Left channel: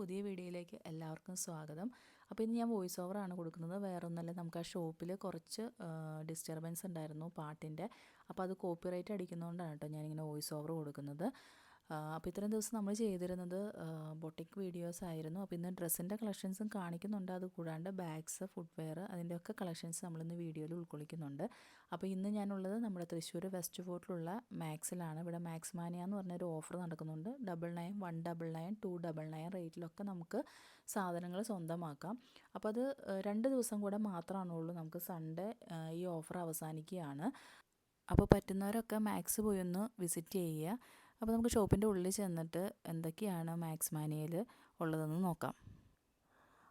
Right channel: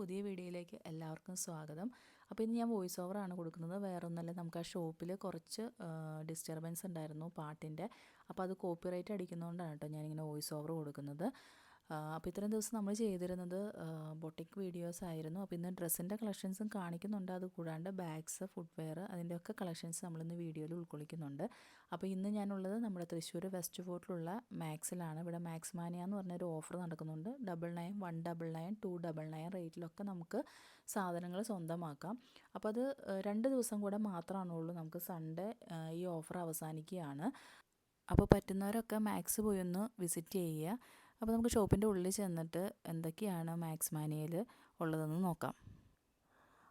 പുതിയ വീഡിയോയിലേക്ക് എല്ലാവർക്കും സ്വാഗതം. അപ്പോൾ ഇന്ന് ഞാൻ വോയിസ് ഓവറാണ് കൊടുക്കുന്നത്. വേറൊന്നല്ല നമുക്ക് ആ ഷോപ്പിൽ കുറച്ച് ഡിസ്റ്റർബൻസ് ഉണ്ടായിരുന്നു പാട്ടിന്റെ. അപ്പോൾ അത് കോപ്പിറൈറ്റ് അടിക്കുന്നതുകൊണ്ടാണ് കേട്ടോ ഞാനിങ്ങനെ വോയിസ് ഓവർ കൊടുക്കുന്നത്. അപ്പോൾ ഇത്രയും ദിവസം നമ്മൾ ചെയ്തിരുന്നത് ബൊട്ടിക് വീഡിയോസ് ആയിരുന്നു. അപ്പോൾ ഇന്ന് ഡ്രസ്സിന്റെ കളക്ഷൻസും കാണിക്കുന്നുണ്ട്. അത് കൂടാണ്ട് ബാഗ്സ് ഫുട്വെയർ അതിന്റെയൊക്കെ കളക്ഷൻസ് നമ്മളിന്ന് വീഡിയോയിൽ ഉൾക്കൊള്ളിക്കുന്നുണ്ട്. അപ്പോൾ ഇന്ന് ഞാനുള്ളത് നമ്മുടെ തൃശ്ശൂർ വെസ്റ്റ് ഫോർട്ടിലുള്ള മാക്സിലാണ്. ഇവിടെ മാക്സ് മാനിയ എന്ന് പറഞ്ഞൊരു ഓഫർ നടക്കുന്നുണ്ട്. Double nine one double nine two double nine റേറ്റിലൊക്കെ നമുക്ക് സാധനങ്ങൾ സ്വന്തമാക്കാം. അപ്പോൾ അത് രണ്ട് ദിവസം കൂടെ മാത്രമാണുള്ളൂ നമുക്ക് സൺഡേ ഈ ഓഫർ അവസാനിക്കുകയാണ്. അപ്പോൾ പറ്റുന്നവരൊക്കെ മാക്സ് പോയി ഒന്ന് വിസിറ്റ് ചെയ്യുക. അപ്പോൾ നമുക്ക് ഷോപ്പിന്റെ ഉള്ളിൽ ചെന്നിട്ട് എന്തൊക്കെയാണ് മാക്സ് മാനിയയിൽ ഉള്ളതെന്ന് നോക്കാം.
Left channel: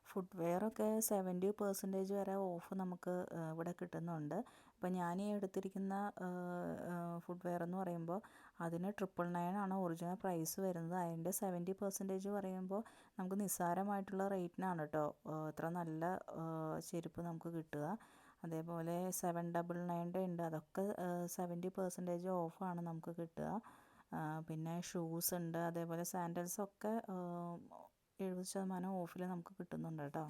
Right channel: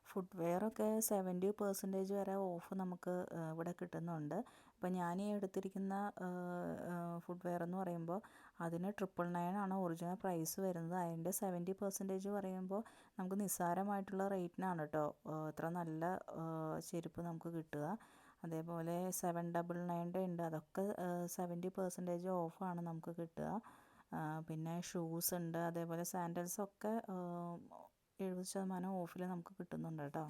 ഫുട്വെയറൊക്കെ സെവന്റി പെർസെന്റേജ് വരെ ഓഫ് നമുക്ക് ഇവിടെ കിട്ടുന്നുണ്ട്. അപ്പോൾ ഞാൻ ഈ എടുത്തിരിക്കുന്ന ഫുട്വെയർ എന്ന് പറയുമ്പോൾ അതിന് ട്രിപ്പിൾ നയൻ ആണ് ഒറിജിനൽ പ്രൈസ് വരുന്നത്. അതിന്റെ സെവന്റി പെർസെന്റേജ് പറയുമ്പോൾ നമുക്ക് നിസ്സാരമായിട്ടുള്ള റേറ്റിനാണ് കേട്ടോ ഇത്ര നല്ല ചെരുപ്പ് നമുക്ക് കിട്ടുക. അതേപോലെ സെവൻ ഡബിൾ നയന്റെ ഉണ്ട്. അതൊക്കെ സെവന്റി പെർസെന്റേജ് ഓഫാണ് നമുക്ക് കിട്ടുക. പിന്നെ ഷൂസ് ഉണ്ട് അതേപോലെ സാൻഡൽസൊക്കെ എഴുപത് ശതമാനം ഓഫിൽ നമുക്ക് കിട്ടുന്നുണ്ട് കേട്ടോ.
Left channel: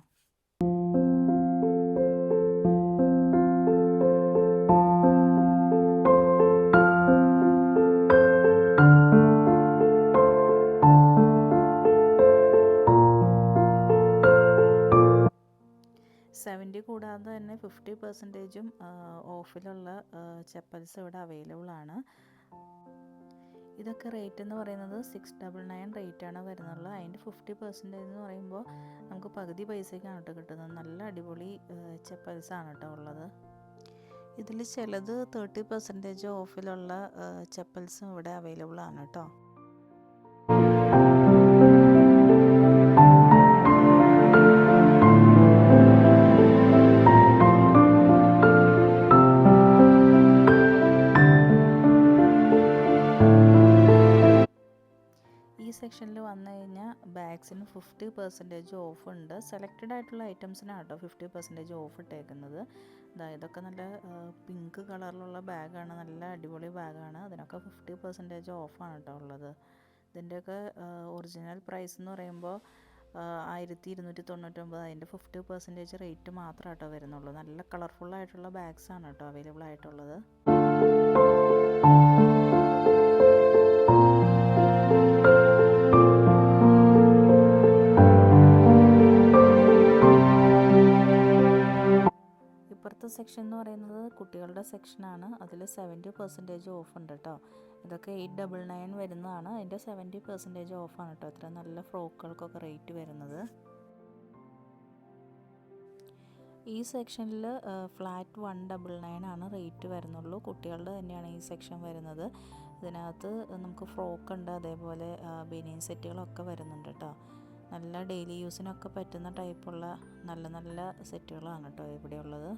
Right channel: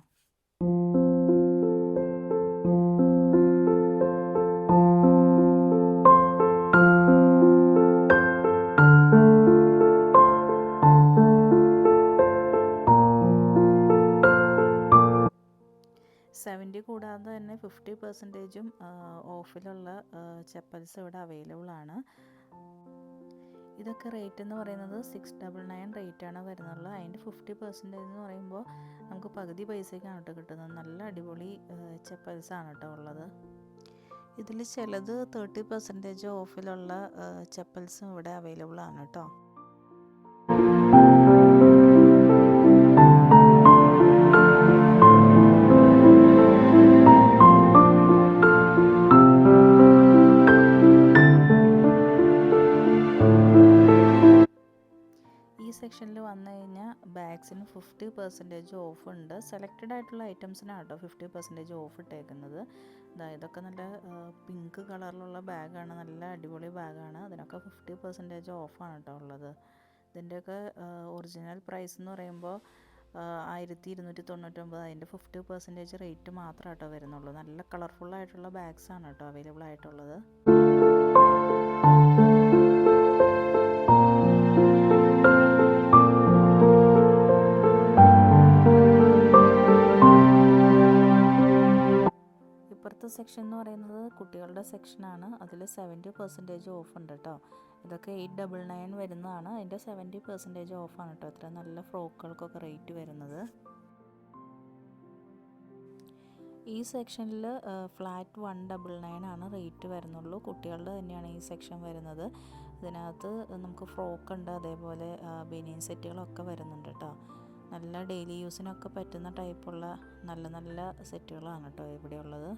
സെവന്റി കൂടാതെ തന്നെ ഫിഫ്റ്റി പെർസെന്റേജും ഓഫിലുള്ള ചെപ്പൽസ് ഇവിടെ അവൈലബിൾ ആണ്. ഇതൊക്കെ റേറ്റ് എന്ന് പറയുന്നത് സിക്സ് ഡബിൾ നയൻ റേറ്റാണ് വരുന്നുള്ളത് അതിന്റെ ഫിഫ്റ്റി പെർസെന്റേജ് എന്ന് പറയുമ്പോൾ നമുക്ക് പകുതി പൈസയ്ക്കാണ് കേട്ടോ കിട്ടുന്നത്. നല്ല അടിപൊളി ചെപ്പൽസാണ് കേട്ടോ ഉള്ളത്. ഇതിൽ ചിലത് തേർട്ടി പെർസെന്റേജ് ഓഫിലുള്ള ചെപ്പൽസും ഇവിടെ അവൈലബിൾ ആണ് കേട്ടോ. സെക്ഷനിൽ വന്നു കഴിഞ്ഞാൽ ബാഗ്സിന് ഫിഫ്റ്റി പെർസെന്റേജ് ഓഫ് ഉണ്ട്. സെലക്റ്റഡ് ആയിട്ടുള്ള ഐറ്റംസിനാണ് കേട്ടോ ഫിഫ്റ്റി പെർസെന്റേജ് ഓഫ് ഇട്ടേക്കുന്നത്. ഇതൊക്കെ നല്ല പിങ്ക് കളറിലുള്ള ബാഗാണ് നല്ല അടിപൊളി ബാഗാണ് അതിനൊക്കെ ഫിഫ്റ്റി പെർസെന്റേജ് ഓഫാണ് കേട്ടോ ഉള്ളത്. ഇതിന്റെയൊക്കെ ഒറിജിനൽ പ്രൈസ് എന്ന് പറയുമ്പോൾ ആയിരത്തി ഇരുന്നൂറ്റി തൊണ്ണൂറ്റൊമ്പത് അതിന്റെ ഫിഫ്റ്റി പെർസെന്റേജ് റേറ്റ് മാത്രമേ കേട്ടോ വരുന്നുള്ളൂ. നല്ല കളർഫുൾ ആയിട്ടുള്ള ബാഗ്സ് ആണ് കേട്ടോ അവൈലബിൾ ആയിട്ടുള്ളത്. സെക്ഷൻ എന്ന് പറയുന്നത് കുട്ടികളുടെ സെക്ഷനാണ് അതിൽ സെവന്റി പെർസെന്റേജ് ഓഫ് ഉണ്ട് കേട്ടോ ഇതൊക്കെ എയ്റ്റ് ഡബിൾ നയൻ വരുന്നതാണ്. അതിന്റെ സെവന്റി പെർസെന്റേജ് ഓഫാണ് കേട്ടോ ഇത്ര നല്ല ഫ്രോക്കുകൾക്കൊക്കെ റേറ്റ് വരുന്നത്. ഈ സെക്ഷനിൽ ഫ്ലാറ്റ് വൺ ഡബിൾ നയൻ ആണ് റേറ്റ് വരുന്നുള്ളൂ. കുട്ടികളുടെ തന്നെയാണ് ഈ സെക്ഷൻ വരുന്നത്. ഇതിനകത്ത് നമുക്ക് ഫ്രോക്ക് ഉണ്ട്. അതേപോലെ ബനിയൻ സെറ്റുകളൊക്കെ വരുന്നുണ്ട് കേട്ടോ നല്ല ഡെയിലി യൂസിനൊക്കെ പറ്റുന്ന ടൈപ്പുള്ള നല്ല നല്ല സെറ്റുകളാണ് കേട്ടോ ഇവിടെയുള്ളത്.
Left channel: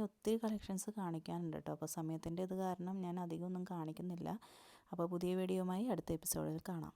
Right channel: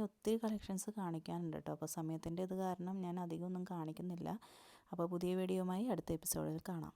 കാണിക്കാനാണെങ്കിൽ ഒത്തിരി കളക്ഷൻസ് കാണിക്കാനുണ്ട് കേട്ടോ. അപ്പോൾ സമയത്തിന്റെ ഇത് കാരണം ഞാൻ അധികം ഒന്നും കാണിക്കുന്നില്ല. അപ്പോൾ പുതിയ വീഡിയോയുമായി അടുത്ത എപ്പിസോഡിൽ കാണാം.